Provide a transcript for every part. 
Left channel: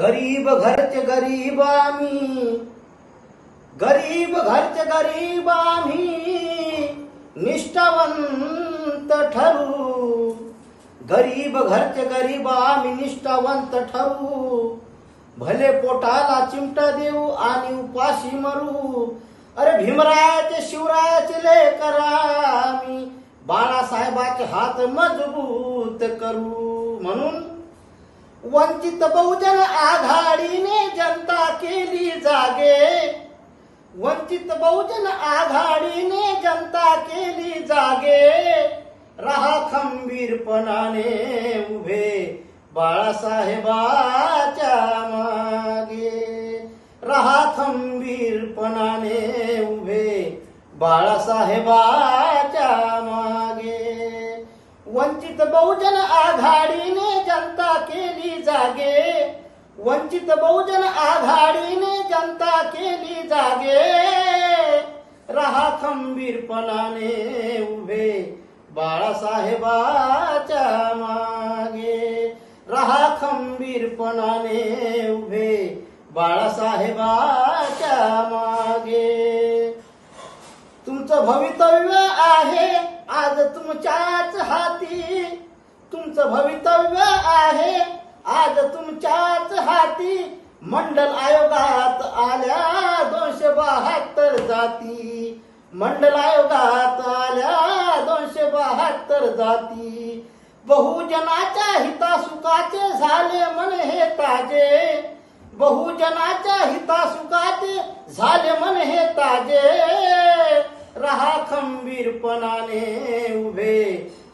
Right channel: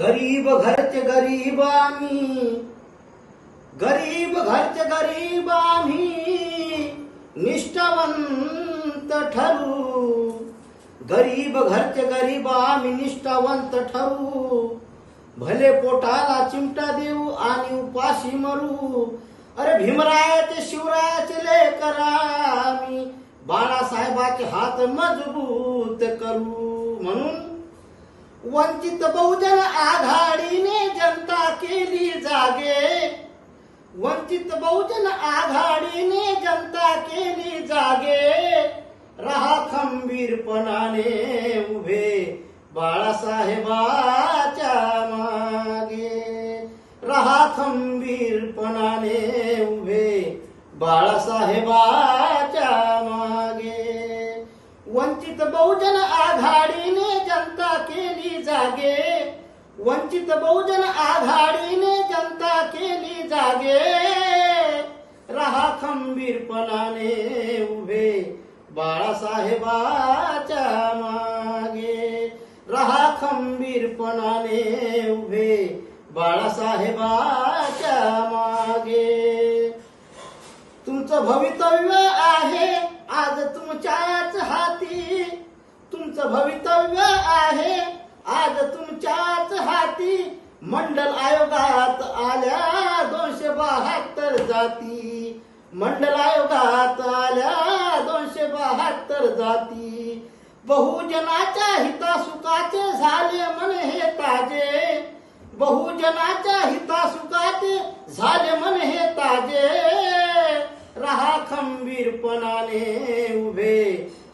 गरीब घरचे गरीब आम्ही, गरीब घरचे गरीब आम्ही, निष्ठावंत ठरू. गरीब घरचे गरीब आम्ही निष्ठावंत ठरू. भले पोटाला चिमटा देऊ आणि उपाशी मरू. अरे भीमरायाचे शिवरायाचे लेकर आम्ही, बाळासाहेबाचे हात मजबूत करू. म्हणून वंचित बहुजन आघाडीने जनता केली जागे. वंचित बहुजन आघाडीने जनता केली जागे. रहा खंबीरपणाने उभे बाळासाहेबाच्या मागे. रहा खंबीरपणाने उभे बाळासाहेबाच्या मागे. वंचित बहुजन आघाडीने जनता केली जागे. वंचित बहुजन आघाडीने जनता केली जागे. रहा खंबीरपणाने उभे बाळासाहेबाच्या मागे. रहा खंबीरपणाने उभे बाळासाहेबाच्या मागे. तुमचं भवितव्य आहे आज तुमच्याच हाती. तुमचं भवितव्य आहे आज तुमच्याच हाती. मंडल आयोगात आल्या 272 जाती. मंडल आयोगात आल्या 272 जाती. बहुजनाच्या हितासुखाचे झाले मन हे ताजे. बहुजनाच्या हितासुखाचे झाले मन हे ताजे. रहा खंबीरपणाने उभे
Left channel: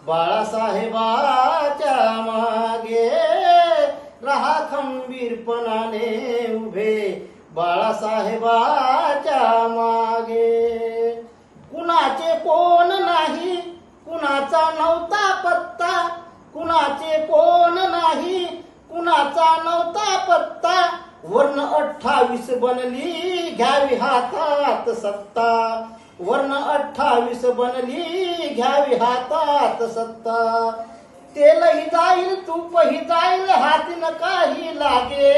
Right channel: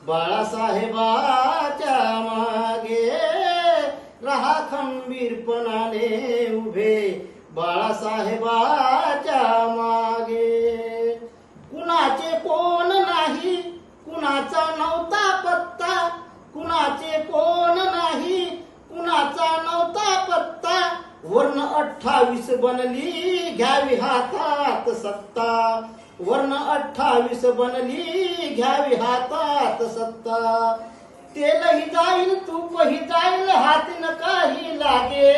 बाळासाहेबाच्या मागे. रहा खंबीरपणाने उभे बाळासाहेबाच्या मागे. कुणाचे कोण नाही, कुणाचा नव्हता पत्ता. कुणाचे कोण नाही, कुणाचा नव्हता पत्ता. वर्ण 28 बनली घ्यावी हातात सत्ता. वर्ण 28 बनली घ्यावी हातात सत्ता. तेलही जाईल तूपही जाईल हाती न काही लागे.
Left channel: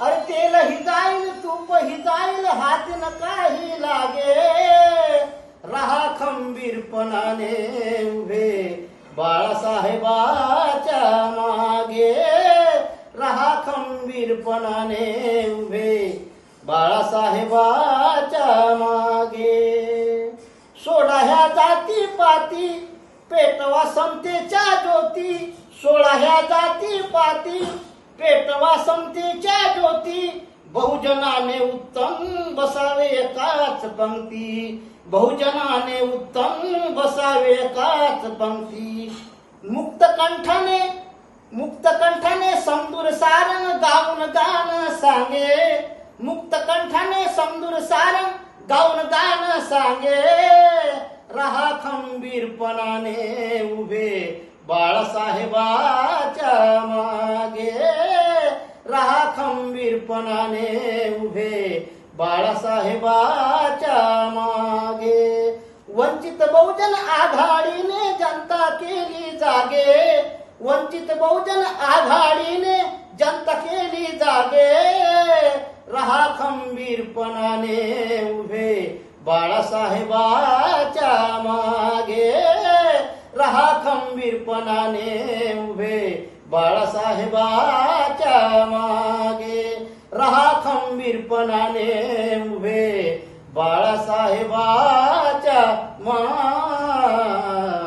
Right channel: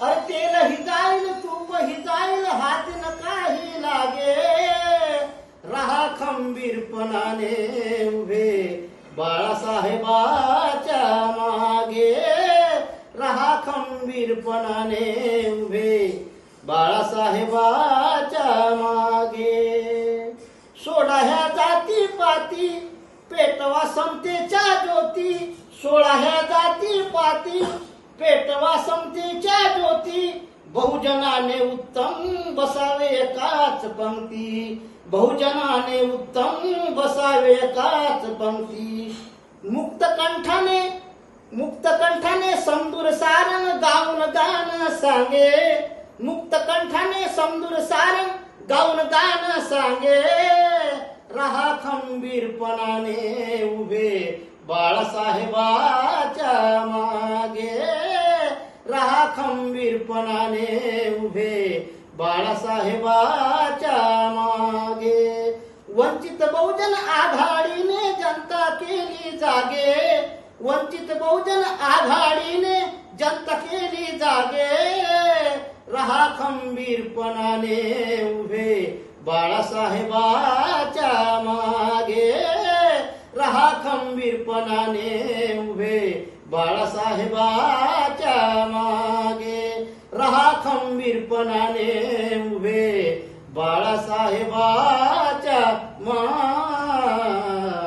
अरे तेलही जाईल तूपही जाईल हाती न काही लागे. रहा खंबीरपणाने उभे बाळासाहेबाच्या मागे. रहा खंबीरपणाने उभे बाळासाहेबाच्या मागे. सोडा ह्या जाती पाती पेटवा समतेच्या ज्योती. सोडा ह्या जाती पाती पेटवा समतेच्या ज्योती. बहुजनाने उत्तम बसावे एकाच पंक्ती. बहुजनाने उत्तम बसावे एकाच पंक्ती. मुक्त कंठाने समदूर सारण गाऊन गाणं सांगे. मुक्त कंठाने समदूर सारण गाऊन गाणं सांगे. रहा खंबीरपणाने उभे बाळासाहेबाच्या मागे. रहा खंबीरपणाने उभे बाळासाहेबाच्या मागे. वंचित बहुजन आघाडीने जनता केली जागे. वंचित बहुजन आघाडीने जनता केली जागे. रहा खंबीरपणाने उभे बाळासाहेबाच्या मागे. रहा खंबीरपणाने उभे बाळासाहेबाच्या मागे. रहा खंबीरपणाने उभे बाळासाहेबाच्या मागे.